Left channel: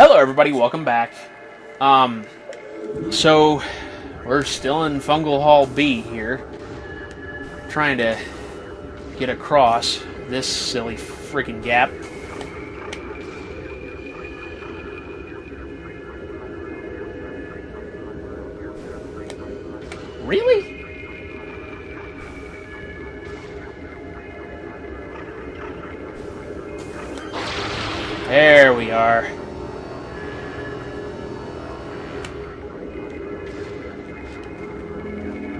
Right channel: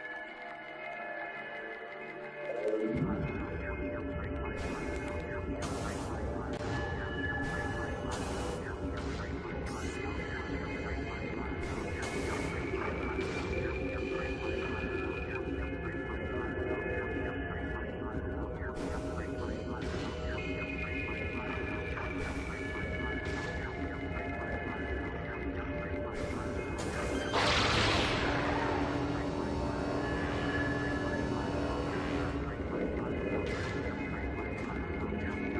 Hello everybody, welcome back. So we're still in Fungal Hall B here, trying to get across this silly freaking gap. Really? There we are.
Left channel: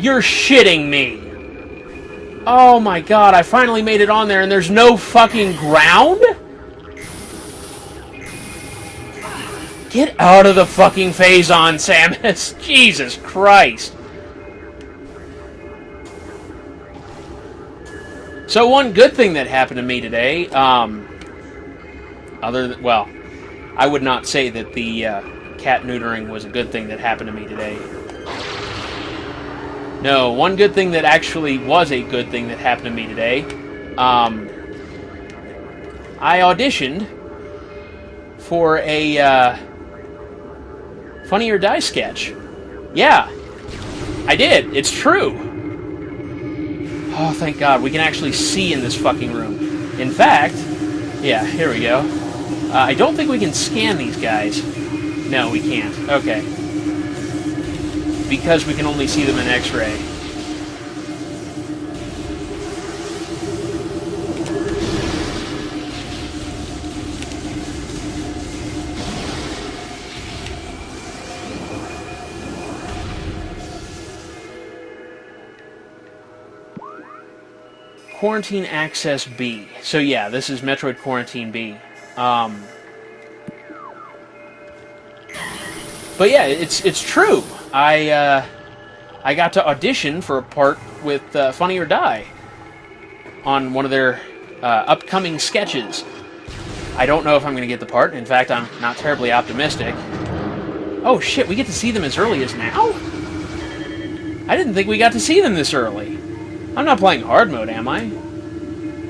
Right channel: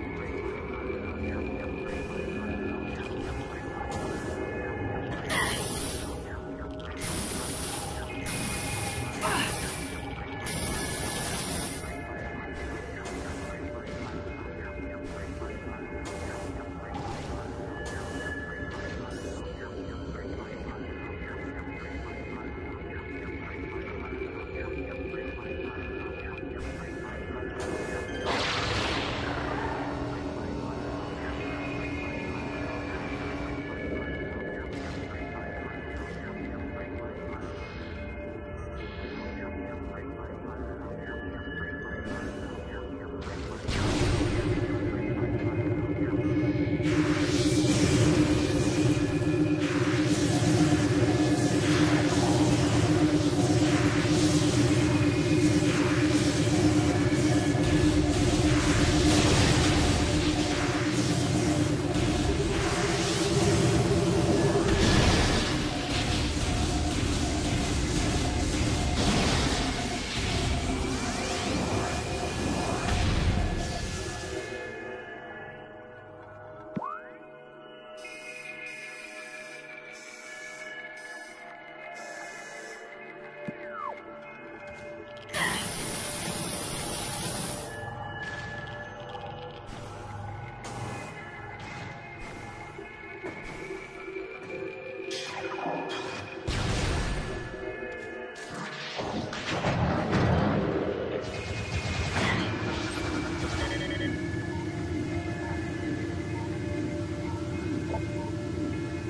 You're shitting me! Oh my god, I finally made it on there and there's no fucking ground? Get out of the fucking Phazon, Samus! Jesus Christ! So one good thing that happened to me today, well, I would not say that the cat neutering was a good thing that happened to me today. No, one good thing that actually was a good thing that happened to me today, I auditioned for a Funny or Die sketch. Yeah, I did. It's true. Oh, thank God, we can actually see in this fucking room. In fact, yeah, here we go. I don't think we can scan these guys. No, we can't. Okay. Because we can only see them in X-ray. Quarantine Access B. So yeah, this is Metroid Quarantine B. But yeah, it's true. I got to audition for a part with Funny or Die on one of their upcoming sketches. I don't know if I'm going to get the part. In fact, I'm not terribly optimistic. Oh shit, we get to see them as early as now? I didn't think we got to see them this early. I'm not playing hard mode, am I?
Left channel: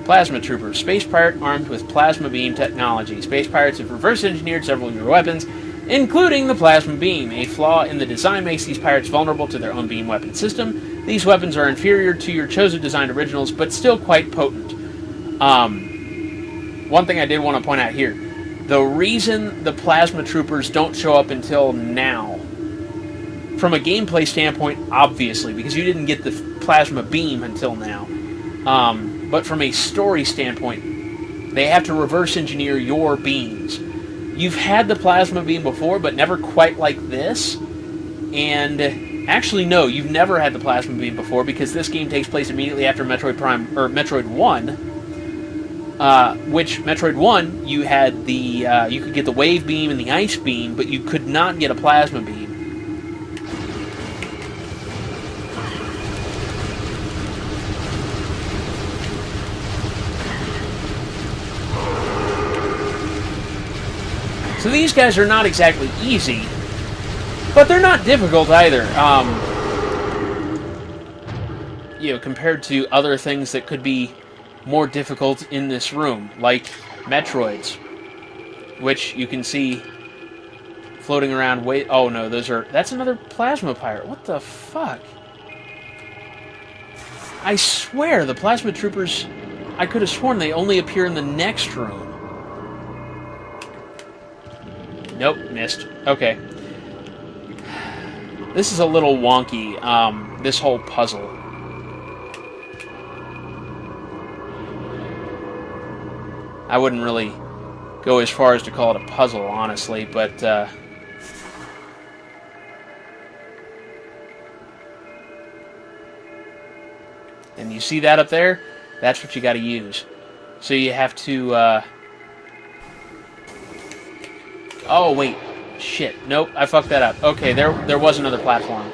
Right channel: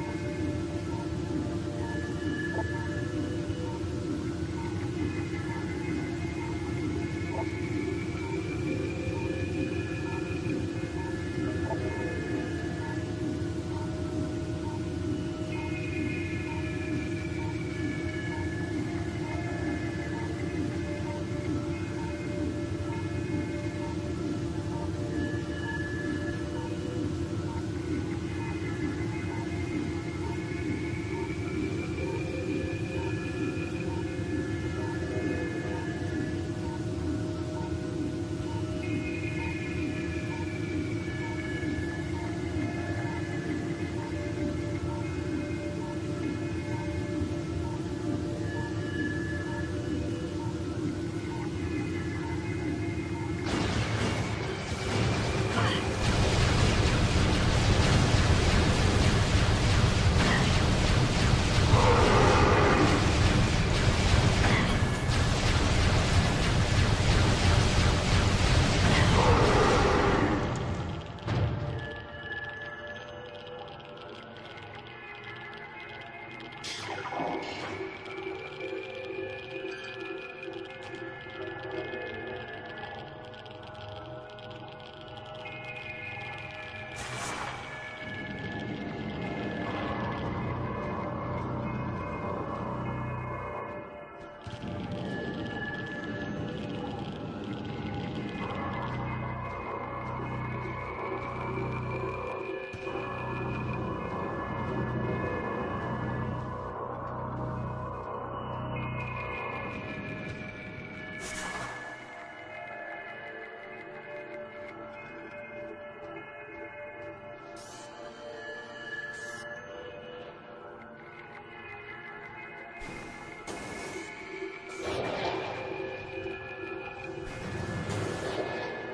Plasma Trooper, space pirate armed with plasma beam technology. Space pirates have reverse engineered several of your weapons, including the plasma beam. A flaw in the design makes these pirates vulnerable to their own beam weapon system. These weapons are inferior to your chosen designed originals, but still quite potent. One thing I did want to point out here. The reason the plasma troopers don't show up until now, from a gameplay standpoint, obviously, because you didn't get the plasma beam until now. But from a story standpoint, they have to reverse engineer your beams. You've had the plasma beam before, but never quite like this. And actually, no, you've never had the plasma beam before because this game takes place immediately after Metroid Prime or Metroid 1. Which Metroid 1, you had the you could get the wave beam and the ice beam, but you could not get a plasma beam. So these guys are not exactly easy, but they're not difficult either. Compared to other things that could be more difficult in this room, like Metroids, which you can see floating around. Oh no, that's another plasma pirate. What the fuck? I swear the plasma troopers, I could have sworn they only appear in the next room. Nope, missed. Okay. This is a little wonky, this whole puzzle. I wouldn't really go as far as to call it a puzzle, honestly, but, and you see that up there? That's what you gotta use. So you have to, oh, wait. Shit. Nope, I fucked that up. Okay, there was another platform.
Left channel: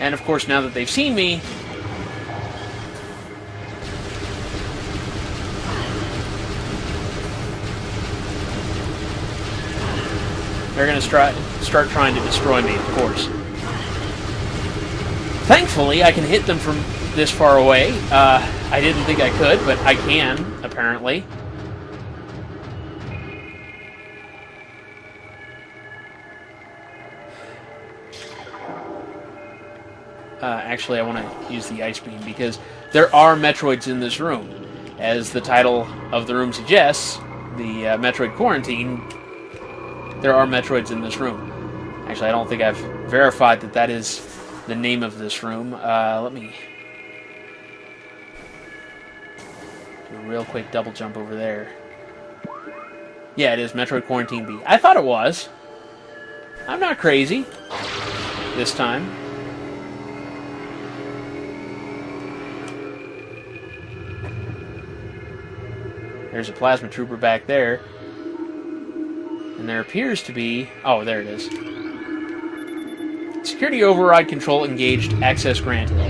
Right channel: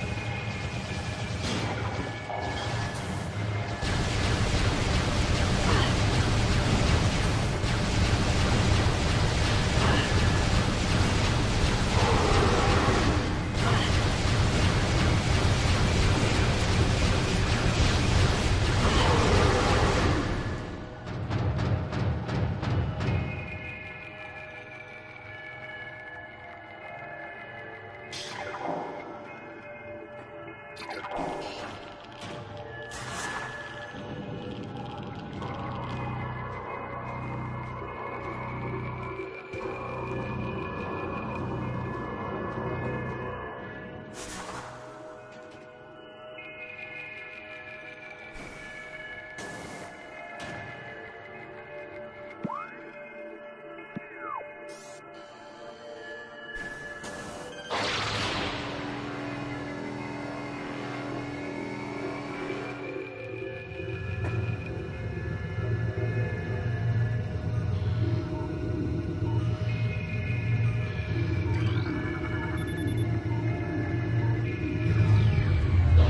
And, of course, now that they've seen me, they're going to start trying to destroy me, of course. Thankfully, I can hit them from this far away. I didn't think I could, but I can, apparently. actually I want to use the ice beam because there are Metroids in this room. As the title of the room suggests, the Metroid Quarantine, there are Metroids in this room. Actually, I don't think I've verified that that is the name of this room. Let me do a real quick double jump over there. Yeah, it is Metroid Quarantine B. I thought it was. I'm not crazy this time. There's a plasma trooper back there. And there appears to be... Oh, there it is. Security override control engaged. Access granted. Where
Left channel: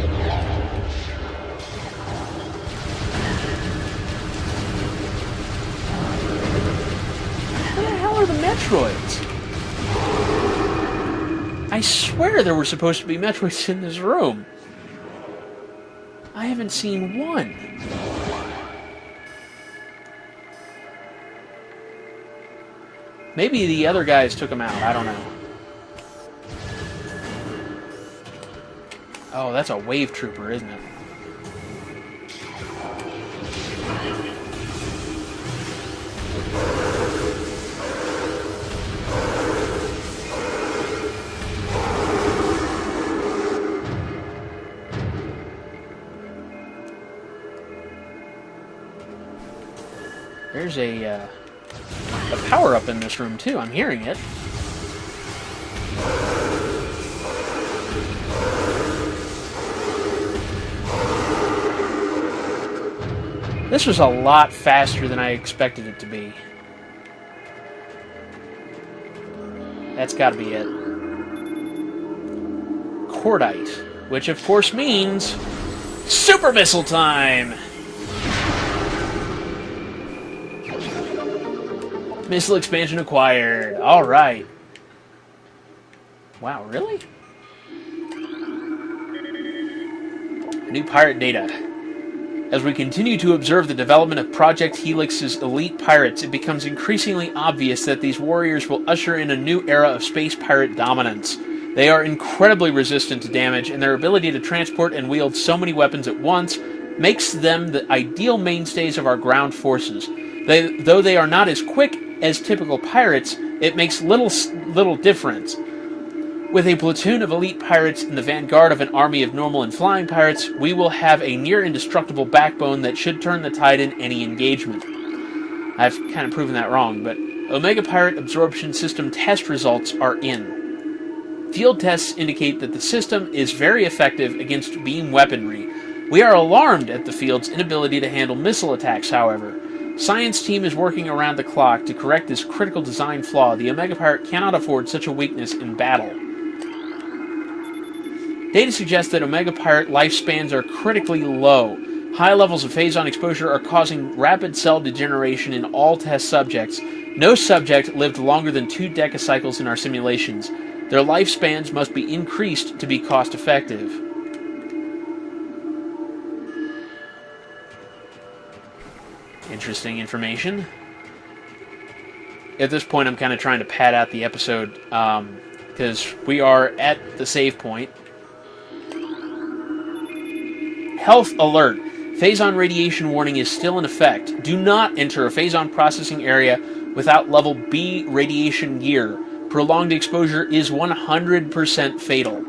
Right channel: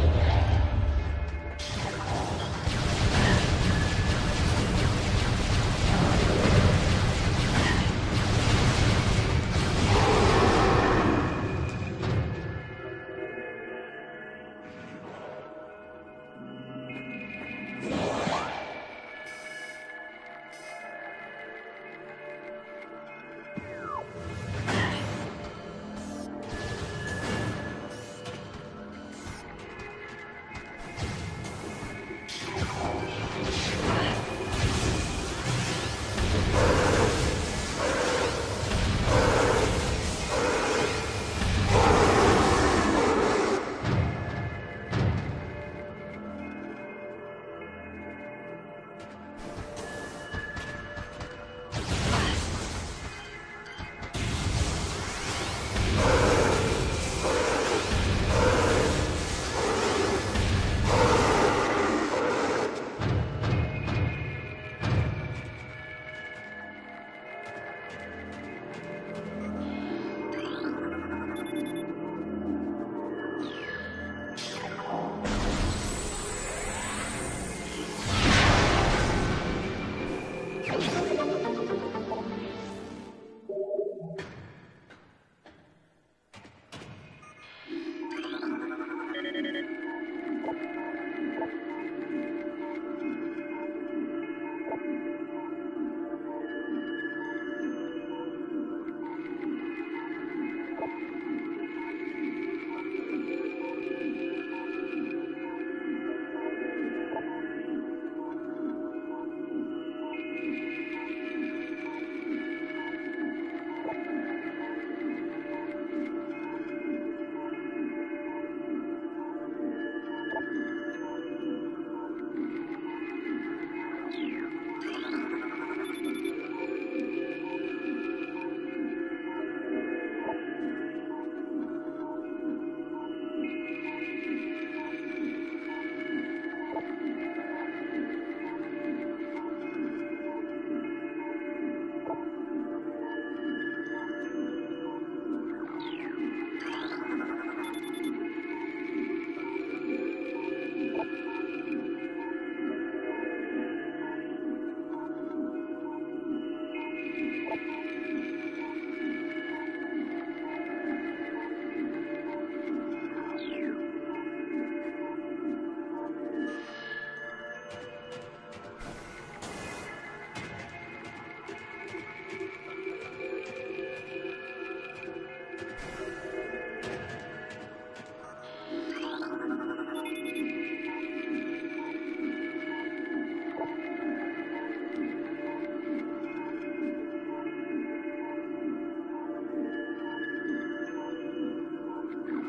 the hell are the Metroids? I swear there were supposed to be Metroids in this room. I haven't seen one. Maybe the other guys took them out. I don't know. Oh, that's a wave trooper, isn't it? There's a power-up in this room, too. I'm hearing it. This was a lot faster than I expected it to be. That's got to be it. Cordite, which of course means super missile time! Missile expansion acquired. Alright. Wow, really? New pirate data. As we continue to observe the development of Project Helix's elite pirates, it becomes increasingly obvious that these warriors will usher in a new era of space pirate dominance. They are incredibly resistant to damage, and their ability to transport and wield so many weapons at once makes them the ideal mainstays of our ground forces. Though they are not as quick as typical pirates, it makes little difference. With a platoon of elite pirates in the vanguard of an army of normal and flying pirates, we will have a near-indestructible backbone that should turn the tide in any engagement. I've kind of proven that wrong, but Omega Pirate Absorption System test results are in. Field tests indicate that the system is very effective against beam weaponry. We are alarmed at the field's inability to handle missile attacks, however. Science team is working around the clock to correct this critical design flaw. The Omega Pirate cannot afford such a weakness in battle. Data suggests that Omega Pirate lifespans are critically low. High levels of phazon exposure are causing rapid cell degeneration in all test subjects. No subject lived longer than 2 decacycles in our simulations. Their lifespans must be increased to be cost-effective. Interesting information. At this point, I'm kind of trying to pad out the episode, because we are at the save point. Health alert. Phazon radiation warning is still in effect. Do not enter a phazon processing area without level B radiation gear. Prolonged exposure is 100% fatal.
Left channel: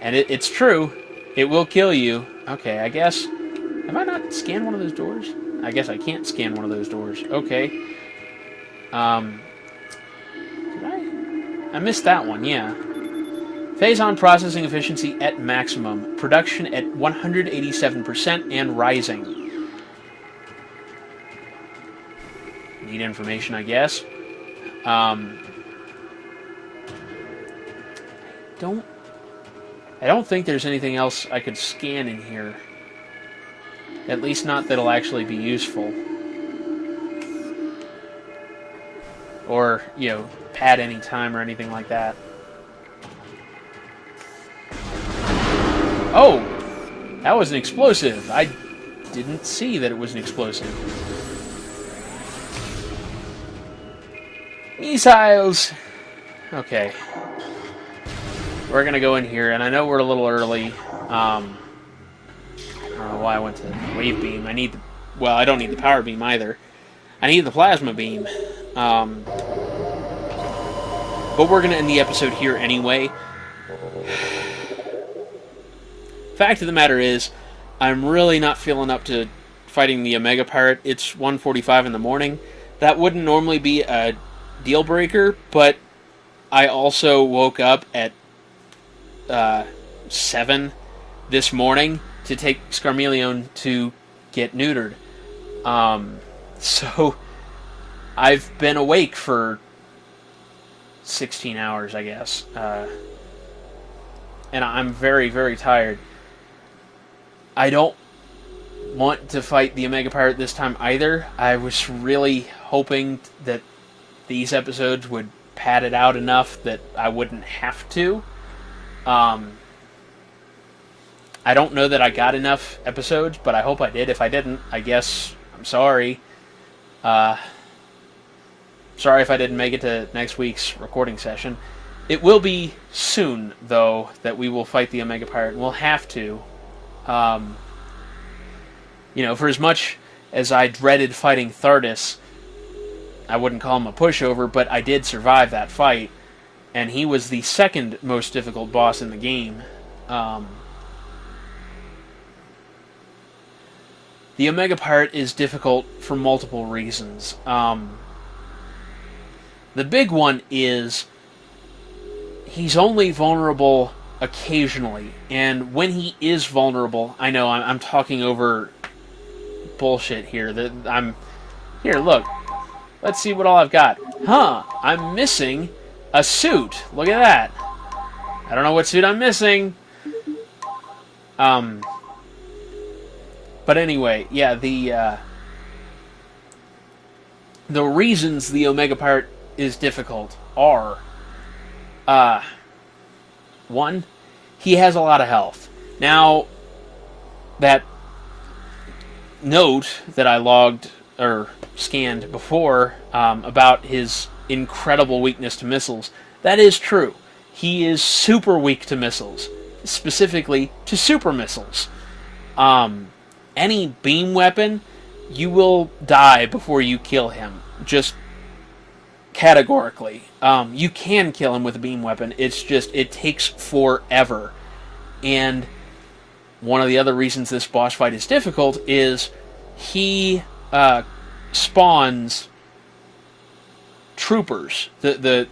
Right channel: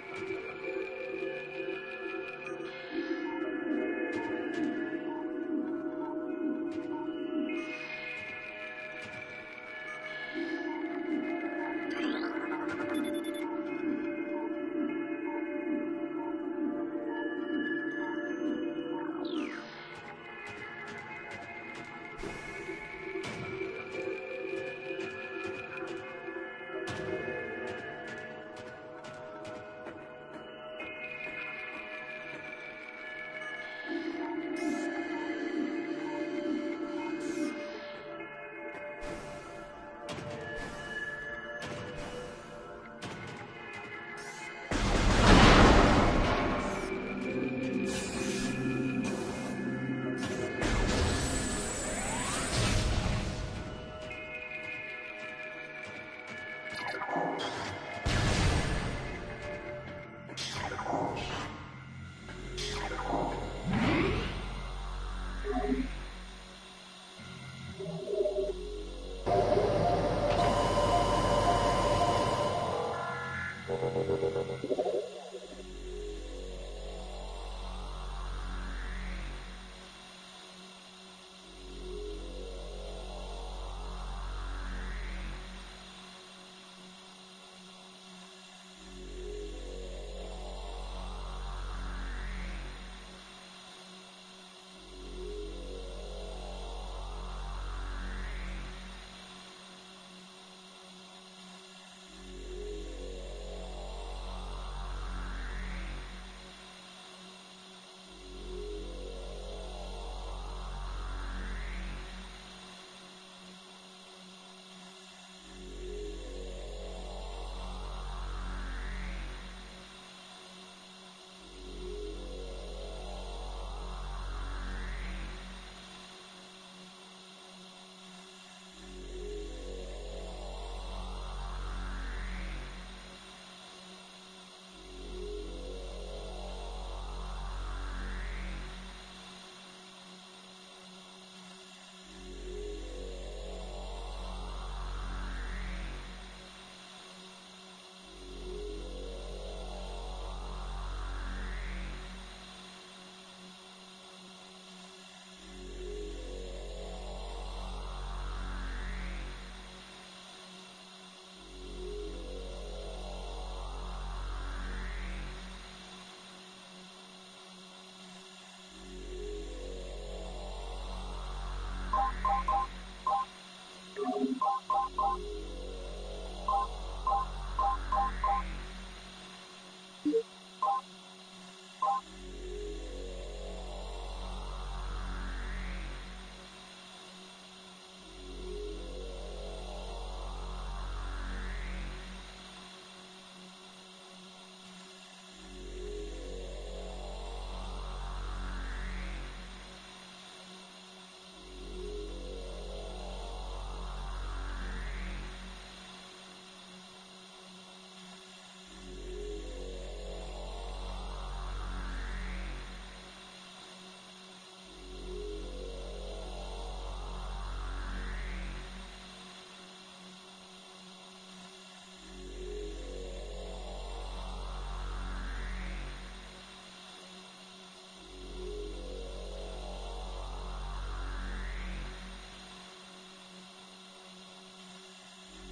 And it's true. It will kill you. Okay, I guess... Have I not scanned one of those doors? I guess I can't scan one of those doors. Okay. Did I missed that one, yeah. Phazon processing efficiency at maximum. Production at 187% and rising. Need information, I guess. I don't think there's anything else I could scan in here. At least not that'll actually be useful. Or, pad any time or anything like that. Oh! That was an explosive. I didn't see that it was an explosive. Missiles! Okay. we're going to go in here, and I know we're a little early. I don't know why I went to the wave beam. Well, I don't need the power beam either. I need the plasma beam. But we're going to end the episode here anyway. Fact of the matter is, I'm really not feeling up to fighting the Omega Pirate. It's 1:45 in the morning. That wouldn't normally be a deal breaker, but I also woke up at 7 this morning to take Scarmeleon to get neutered. So I've been awake for 16 hours, I guess. And I'm very, very tired. I don't want to fight the Omega Pirate this time either. I was really hoping that these episodes would pad it out enough that I wouldn't have to. I don't know that I got enough episodes, but I hope I did. If I didn't, I guess I'm sorry. Sorry if I didn't make it to next week's recording session. It will be soon, though, that we will fight the Omega Pirate, and we'll have to. For as much as I dreaded fighting Thardus, I wouldn't call him a pushover, but I did survive that fight, and he was the second most difficult boss in the game. The Omega Pirate is difficult for multiple reasons. The big one is he's only vulnerable occasionally, and when he is vulnerable, I know I'm talking over bullshit here. Here, look. Let's see what all I've got. I'm missing a suit. Look at that. I don't know what suit I'm missing. But anyway, yeah, the reasons the Omega Pirate is difficult are, one, he has a lot of health. Now, that note that I logged or scanned before about his incredible weakness to missiles, that is true. He is super weak to missiles, specifically to super missiles. Any beam weapon, you will die before you kill him, just categorically. You can kill him with a beam weapon, it's just, it takes forever. And one of the other reasons this boss fight is difficult is he spawns troopers, the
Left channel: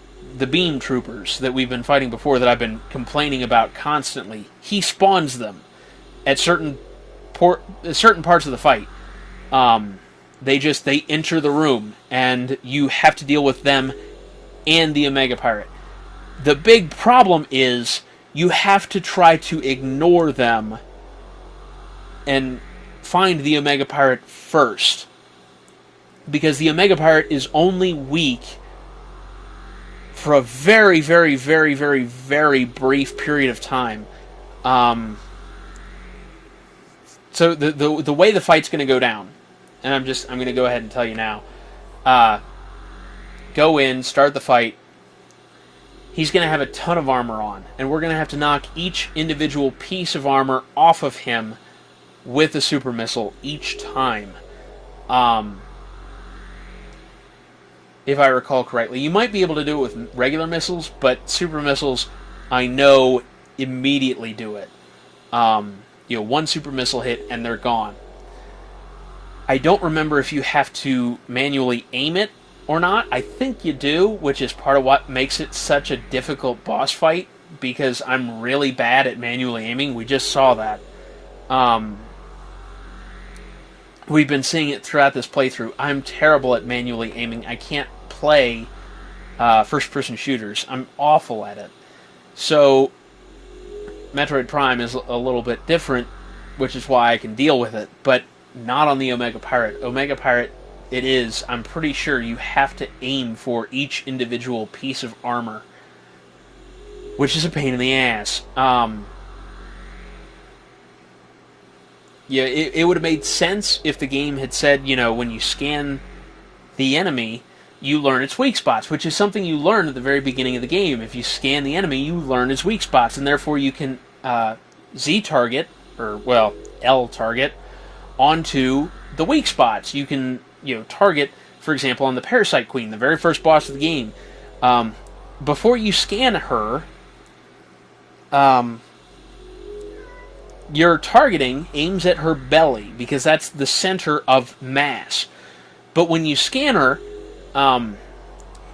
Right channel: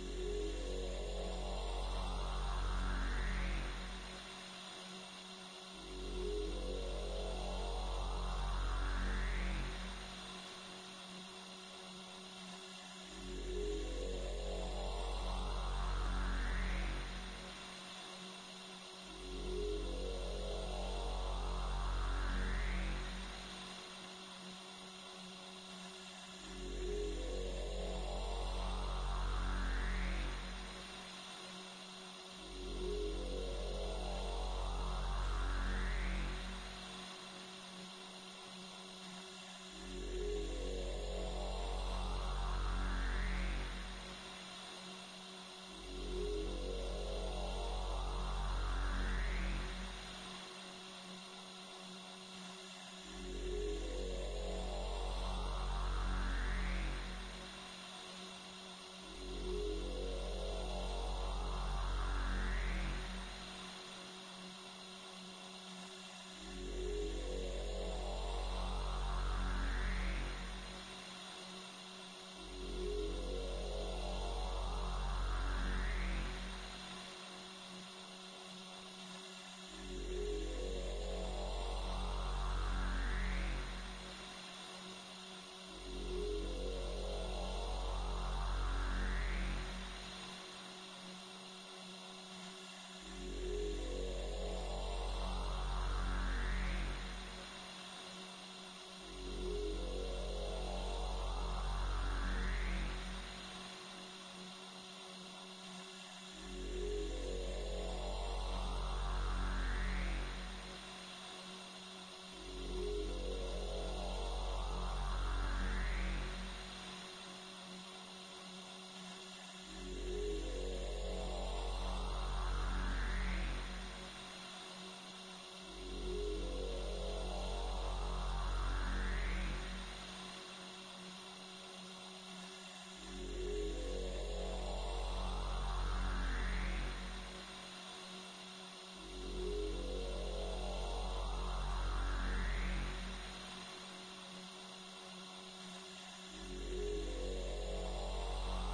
beam troopers that we've been fighting before that I've been complaining about constantly. He spawns them at certain parts of the fight. They enter the room, and you have to deal with them and the Omega Pirate. The big problem is you have to try to ignore them and find the Omega Pirate first, because the Omega Pirate is only weak for a very, very, very, very, very brief period of time. So the way the fight's going to go down, and I'm going to go ahead and tell you now. Go in, start the fight. He's going to have a ton of armor on, and we're going to have to knock each individual piece of armor off of him with a super missile each time. If I recall correctly. You might be able to do it with regular missiles, but super missiles, I know, immediately do it. One super missile hit and they're gone. I don't remember if you have to manually aim it or not. I think you do, which is part of what makes it such a difficult boss fight, because I'm really bad at manually aiming. We just saw that. We've been seeing it throughout this playthrough. I'm terrible at manually aiming. I can't play first-person shooters. I'm awful at it. So Metroid Prime is a little bit different, which is why I can deal with it, but not on the Omega Pirate. Omega Pirate, it is, I'm pretty sure you have to aim for each individual piece of armor, which is a pain in the ass. It would have made sense if the game had said, when you scan the enemy, you learn its weak spots, which is something you learn at the very beginning of the game. If you scan the enemy, you learn its weak spots, and therefore you can Z-target, or, well, L-target, onto the weak spots. You can, target, for example, on the Parasite Queen, the very first boss of the game. Before you scan her, your targeting aims at her belly, because that's the center of mass. But when you scan her,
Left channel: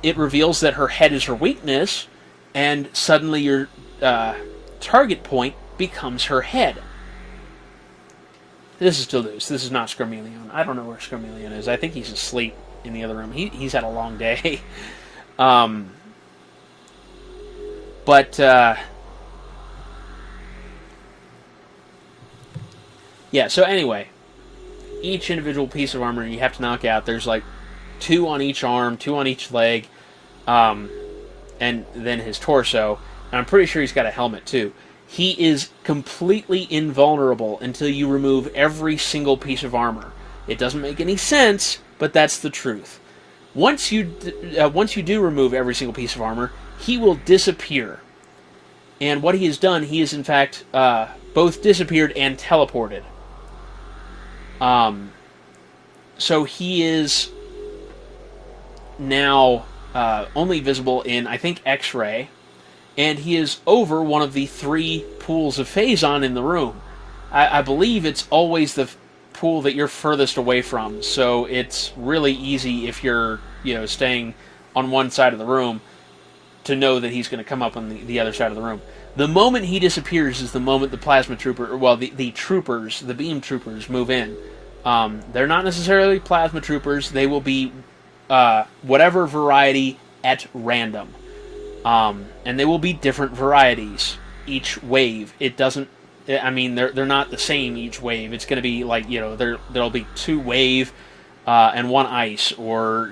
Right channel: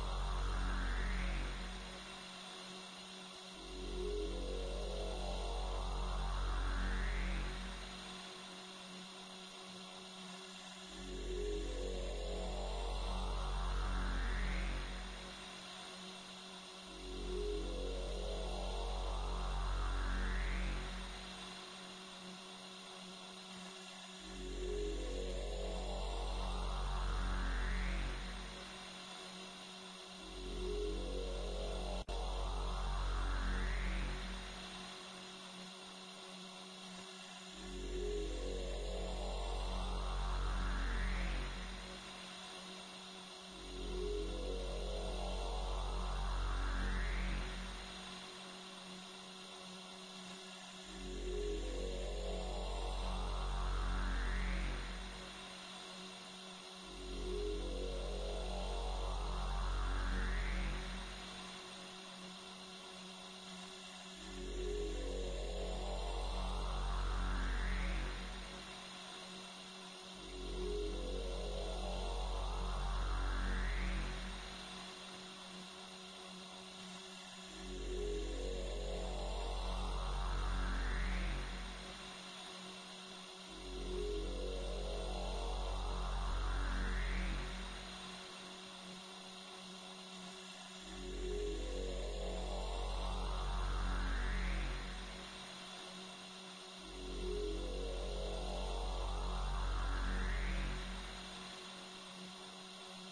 it reveals that her head is her weakness, and suddenly your target point becomes her head. This is still loose. This is not Scarmelion. I don't know where Scarmelion is. I think he's asleep in the other room. He's had a long day. Yeah, so anyway, each individual piece of armor you have to knock out. There's like 2 on each arm, 2 on each leg, and then his torso. And I'm pretty sure he's got a helmet too. He is completely invulnerable until you remove every single piece of armor. It doesn't make any sense, but that's the truth. Once you do remove every single piece of armor, he will disappear. And what he has done, he has in fact both disappeared and teleported. So he is now only visible in, I think, X-ray, and he is over one of the 3 pools of Phazon in the room. I believe it's always the pool that you're furthest away from, so it's really easy if you're, staying on one side of the room to know that he's going to come up on the other side of the room. The moment he disappears is the moment the plasma trooper, well, the troopers, the beam troopers, move in. They're not necessarily plasma troopers. They will be whatever variety at random. And they will be different varieties each wave. It doesn't, I mean, they're not the same each wave. It's going to be like, there'll be 2 wave and 1 ice, or,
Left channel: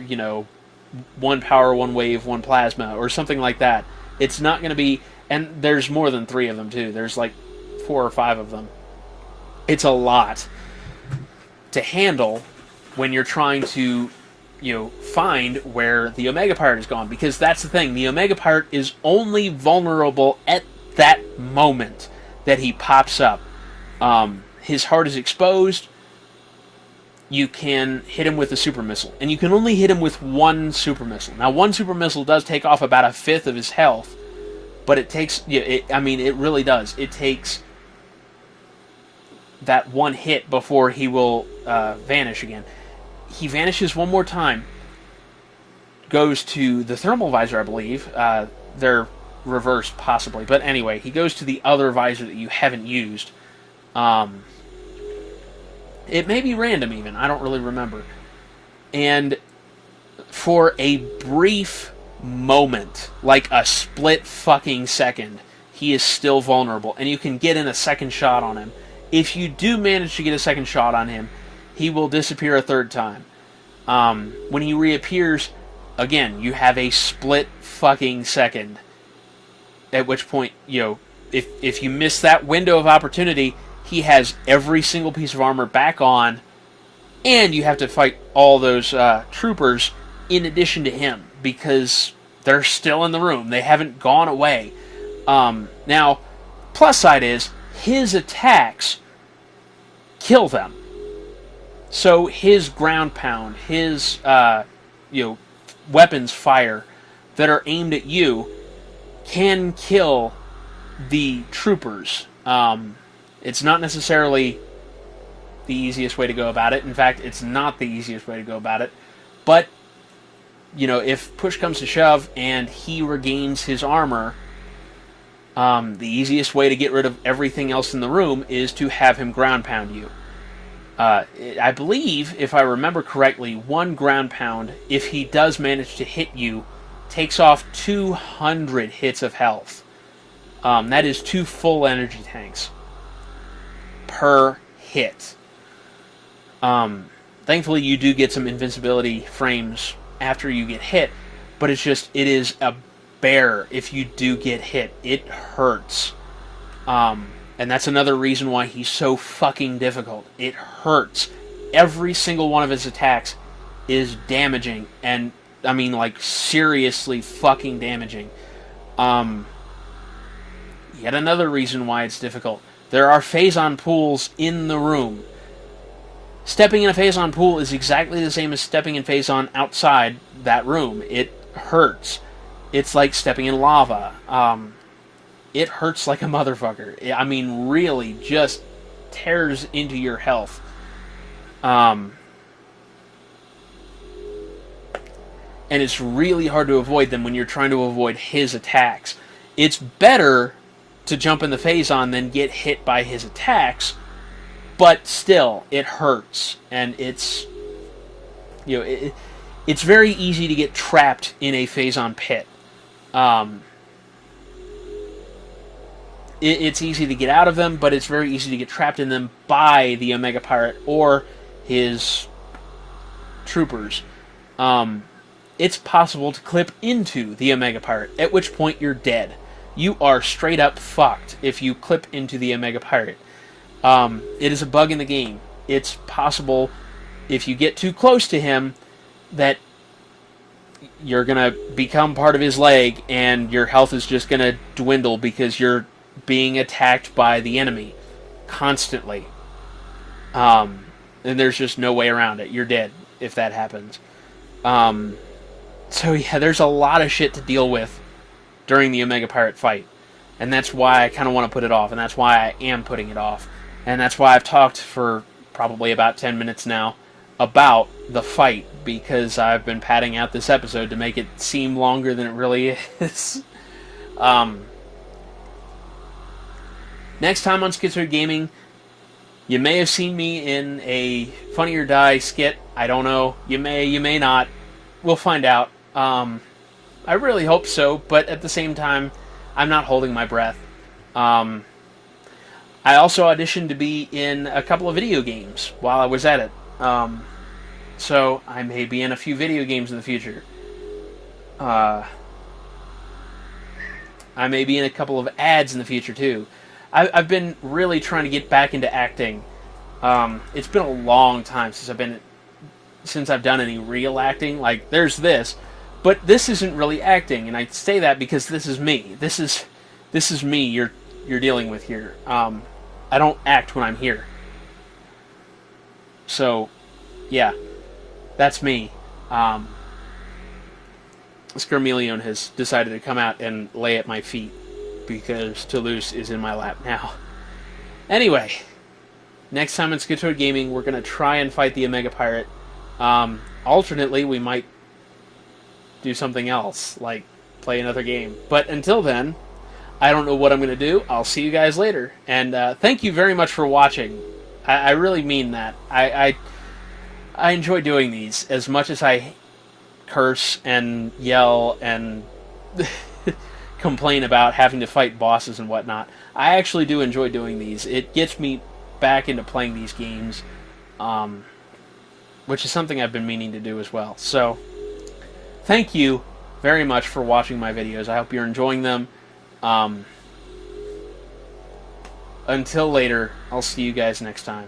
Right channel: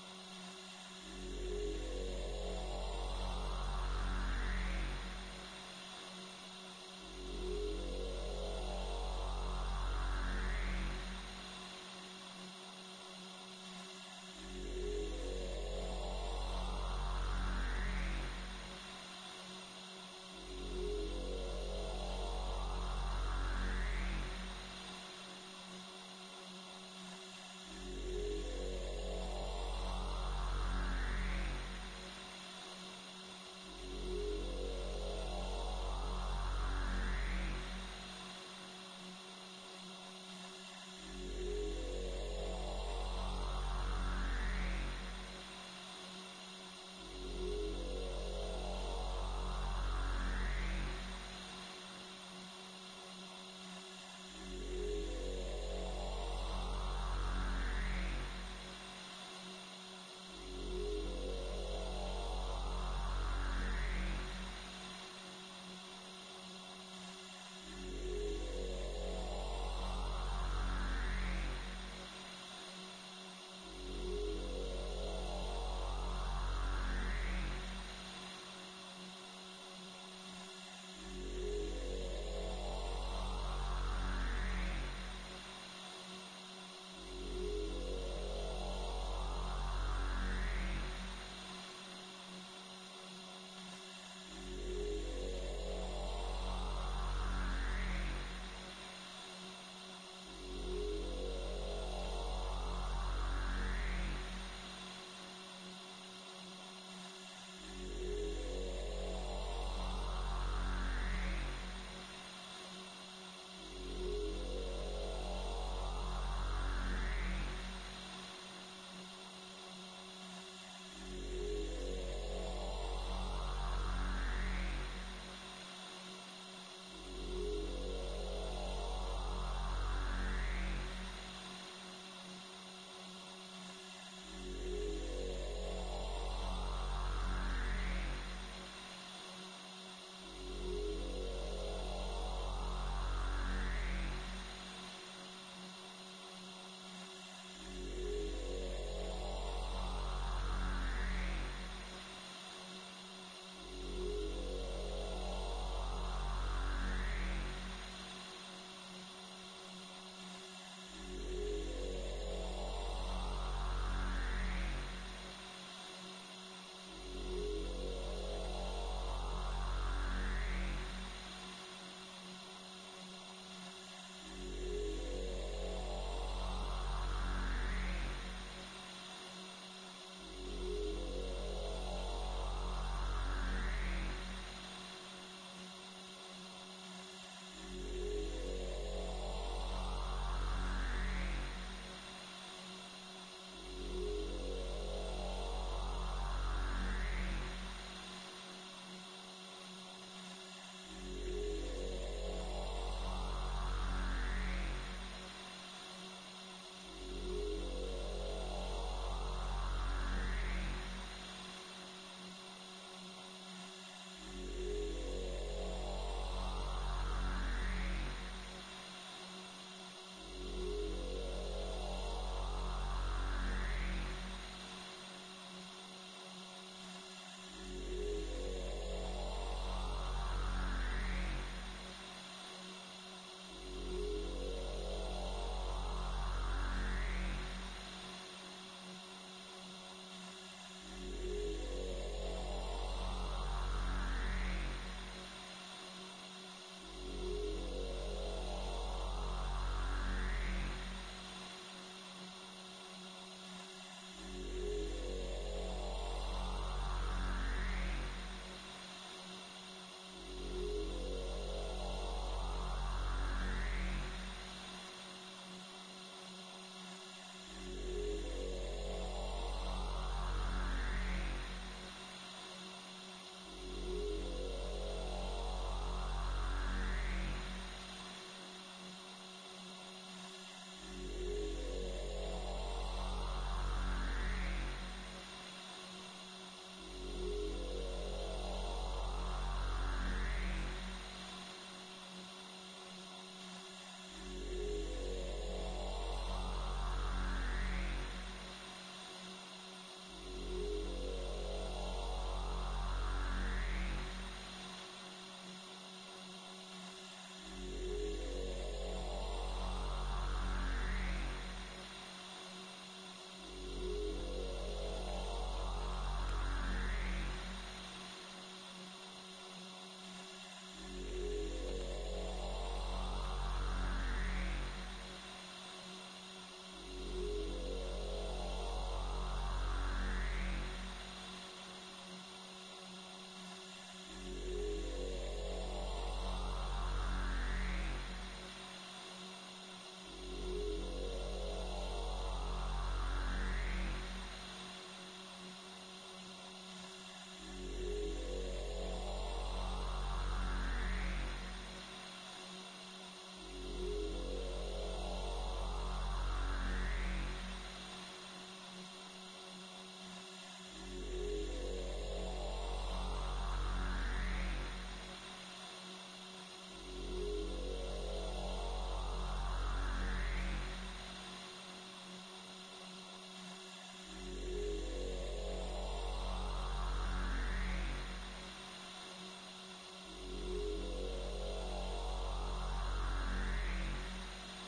1 power, 1 wave, 1 plasma, or something like that. It's not going to be, and there's more than 3 of them too. There's like 4 or 5 of them. It's a lot to handle when you're trying to, find where the Omega Pirate is gone. Because that's the thing. The Omega Pirate is only vulnerable at that moment that he pops up. His heart is exposed. You can hit him with a super missile. And you can only hit him with 1 super missile. Now, 1 super missile does take off about 1/5 of his health. But it takes, it really does. It takes that 1 hit before he will vanish again. He vanishes 1 more time. Goes to the thermal visor, I believe. They're reversed, possibly. But anyway, he goes to the other visor that you haven't used. It may be random, even. I don't really remember. And for a brief moment, like a split fucking second, he is still vulnerable. And you can get in a second shot on him. If you do manage to get a second shot on him, he will disappear a 3rd time. When he reappears, again, you have a split fucking second. At which point, if you miss that window of opportunity, he has every single piece of armor back on, and you have to fight all those troopers in addition to him, because they're still in the room. They haven't gone away. Now, plus side is, his attacks kill them. So his ground pound, his weapons fire that are aimed at you can kill the troopers. It's not necessarily the easiest way to go about it. In fact, it's not the easiest way to go about it. But, if push comes to shove and he regains his armor, the easiest way to get rid of everything else in the room is to have him ground pound you. I believe, if I remember correctly, 1 ground pound, if he does manage to hit you, takes off 200 hits of health. That is 2 full energy tanks per hit. Thankfully, you do get some invincibility frames after you get hit, but it is a bear if you do get hit. It hurts. And that's another reason why he's so fucking difficult. It hurts. Every single one of his attacks is damaging, and I mean, like, seriously fucking damaging. Yet another reason why it's difficult. There are phazon pools in the room. Stepping in a phazon pool is exactly the same as stepping in phazon outside that room. It hurts. It's like stepping in lava. It hurts like a motherfucker. I mean, really, just tears into your health. And it's really hard to avoid them when you're trying to avoid his attacks. It's better to jump in the phazon than get hit by his attacks, but still, it hurts, and it's, you know, it's very easy to get trapped in a phazon pit. It's easy to get out of them, but it's very easy to get trapped in them by the Omega Pirate or his troopers. It's possible to clip into the Omega Pirate, at which point you're dead. You are straight up fucked if you clip into the Omega Pirate. It is a bug in the game. It's possible, if you get too close to him, that you're going to become part of his leg and your health is just going to dwindle because you're being attacked by the enemy constantly. And there's just no way around it. You're dead if that happens. So yeah, there's a lot of shit to deal with during the Omega Pirate fight. And that's why I kind of want to put it off, and that's why I am putting it off. And that's why I've talked for probably about 10 minutes now about the fight, because I've been padding out this episode to make it seem longer than it really is. Next time on Schizoid Gaming, you may have seen me in a Funny or Die skit. I don't know. You may not. We'll find out. I really hope so, but at the same time, I'm not holding my breath. I also auditioned to be in a couple of video games while I was at it. So I may be in a few video games in the future. I may be in a couple of ads in the future too. I've been really trying to get back into acting. It's been a long time since I've done any real acting. Like, there's this, but this isn't really acting, and I say that because this is me. This is me you're dealing with here. I don't act when I'm here. So, yeah, that's me. Scarmelion has decided to come out and lay at my feet because Toulouse is in my lap now. Anyway, next time on Schizoid Gaming, we're going to try and fight the Omega Pirate. Alternately, we might do something else, like play another game. But until then, I don't know what I'm going to do. I'll see you guys later. And thank you very much for watching. I really mean that. I enjoy doing these as much as I curse and yell and complain about having to fight bosses and whatnot. I actually do enjoy doing these. It gets me back into playing these games, which is something I've been meaning to do as well. So, thank you very much for watching my videos. I hope you're enjoying them. Until later, I'll see you guys next time.